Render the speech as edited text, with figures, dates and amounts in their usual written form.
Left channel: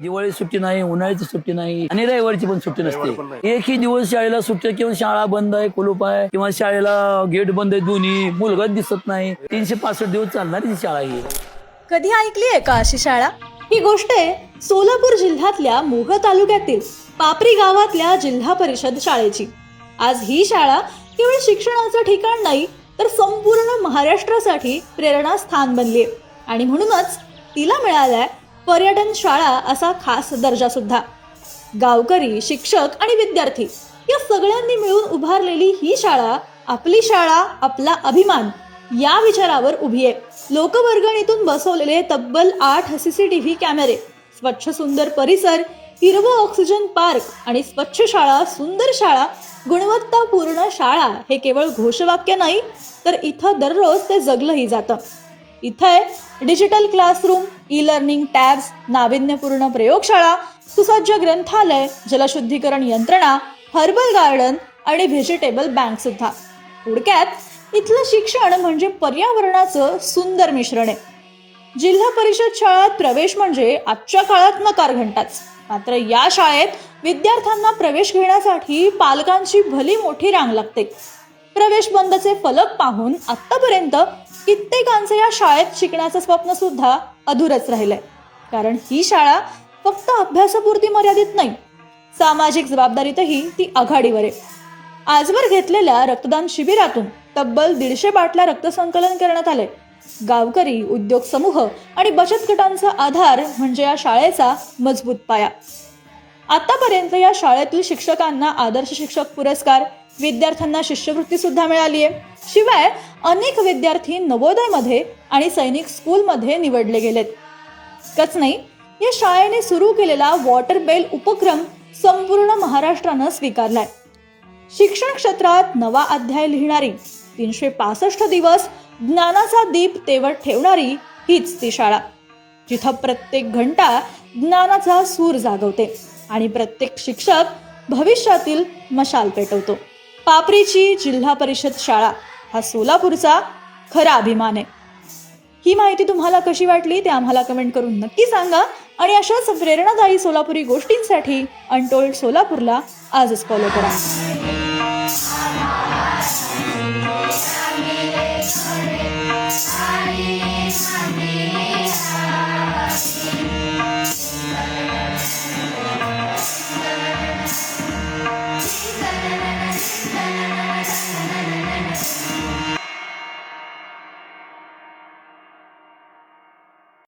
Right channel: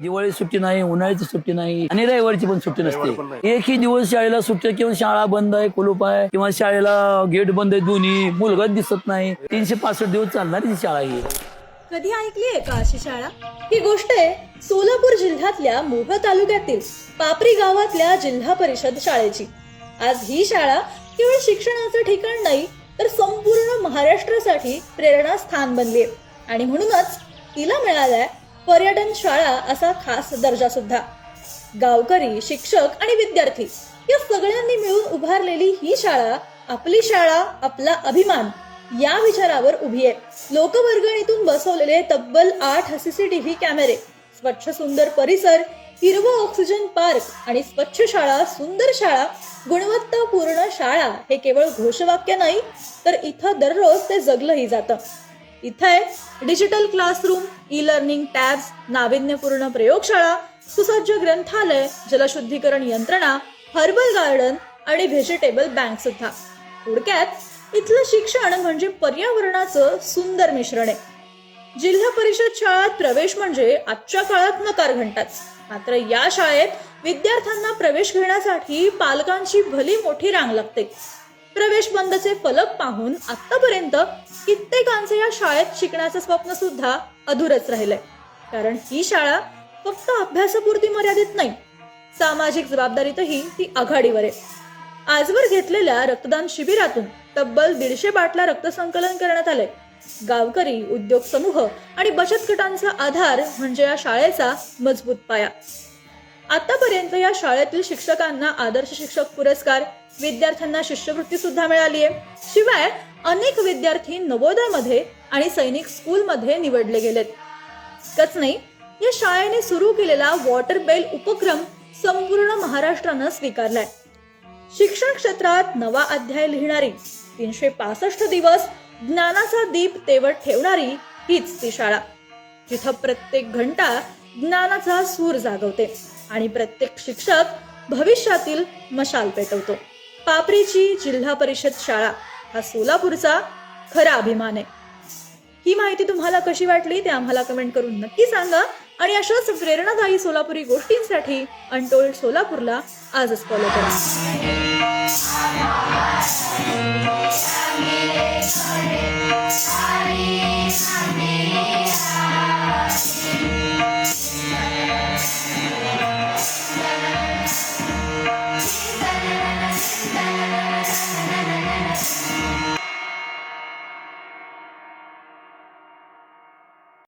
दिवाळी सुट्टी नाही, उन्हाळ्याची सुट्टी नाही आणि रविवारची पण सुट्टी नसते. एकही दिवस शाळेला सुट्टी किंवा शाळा बंद आहे, कुलूप आहे किंवा शाळेला गेट बंद आहे, दोन्ही मुलगाच दिसत नाही. 365 दिवस चालणारी शाळा ही. कधी ऐकली आहे का अशी शाळा? ही गोष्ट आहे सोलापूर जिल्ह्यातल्या मोह तालुक्यातील पापरी गावातल्या जिल्हा परिषद शाळेची. आज ही शाळा केवळ शिक्षणाचं ठिकाण नाही तर संपूर्ण महाराष्ट्रासाठी प्रेरणास्थान बनली आहे आणि म्हणूनच तिला मिळालाय पर्यटन शाळा असा खास दर्जा सुद्धा. गावकरी, शिक्षक आणि विद्यार्थी या सगळ्यांनी मिळून उभारलेली ही शाळा आपली शाळा आपला अभिमान या विचारावर उभी आहे. लोकवर्गणीतून बसवलेले तब्बल 8 CCTV कॅमेरे, स्वच्छ सुंदर परिसर, हिरवं ऑक्सिजन पार्क आणि स्वच्छ शाळा, सुंदर शाळा, गुणवत्तापूर्ण शाळा हे केवळ घोषवाक्य नाही तर इथं दररोज ते जगलंही जातं. इथं आहे डिजिटल क्लासरूम, ई-लर्निंग टॅब्स, नाविन्यपूर्ण प्रयोगशाळा, सुसज्ज ग्रंथालय, जलशुद्धीकरण यंत्रणा, हर्बल गार्डन आणि व्हेजिटेबल बँक सुद्धा. थोडक्यात इथलं शिक्षण म्हणजे पर्यावरणाचं सुंदर मिश्रण आहे. जिल्हा परिषद शाळेत प्रवेश म्हणजे आजच्या काळात नकार घंटाच. मात्र या शाळेत विद्यार्थ्यांना प्रवेश घेण्यासाठी पालकांची भली मोठी रांग लागते. प्रवेश बंदचे फलक पाहून आतापर्यंत कित्येकांचं या शाळेत शिकण्याचं स्वप्न सुद्धा अधुरच राहिलंय. कारण ही शाळा फक्त अभ्यासापुरती मर्यादित नाही, सामाजिक जबाबदारीतही ती आघाडीवर आहे. आजवर घेतलेल्या रक्तदान शिबिरातून तब्बल 150 बाटल्या रक्तसंकलन करण्यात आले. गावकरी, उद्योग समूह आणि बचत गटांचा आधार म्हणजे या शाळेचा मजबूत पाया. आतापर्यंत या शाळेतील शिक्षकांना आदर्श शिक्षक पुरस्कार, विद्यार्थ्यांना शिष्यवृत्ती सुद्धा मिळाली आहे. शिवाय अनेक विद्यार्थी नवोदयमध्ये आणि सैनिक स्कूलमध्ये निवडले गेलेत. इतकंच नाही, या शाळेने सुरू केलेला वॉटर बेल उपक्रम संपूर्ण महाराष्ट्रानं स्वीकारलाय. शिक्षण क्षेत्रात नवा अध्याय लिहिणारी, 365 दिवस ज्ञानाचा दीप तेवत ठेवणारी हीच ती शाळा, जिथं प्रत्येक घंटा ज्ञानाचा सूर जागवते आणि प्रत्येक शिक्षक भविष्यातील मशाल पेटवतो. पापरीची जिल्हा परिषद शाळा हा सोलापूरचा खरा अभिमान आहे. ही माहिती तुम्हाला कशी वाटली ते आम्हाला कमेंट करून नक्की सांगा आणि अशाच प्रेरणादायी सोलापुरी गोष्टींसाठी अनटोल्ड सोलापूरला आजच फॉलो करा.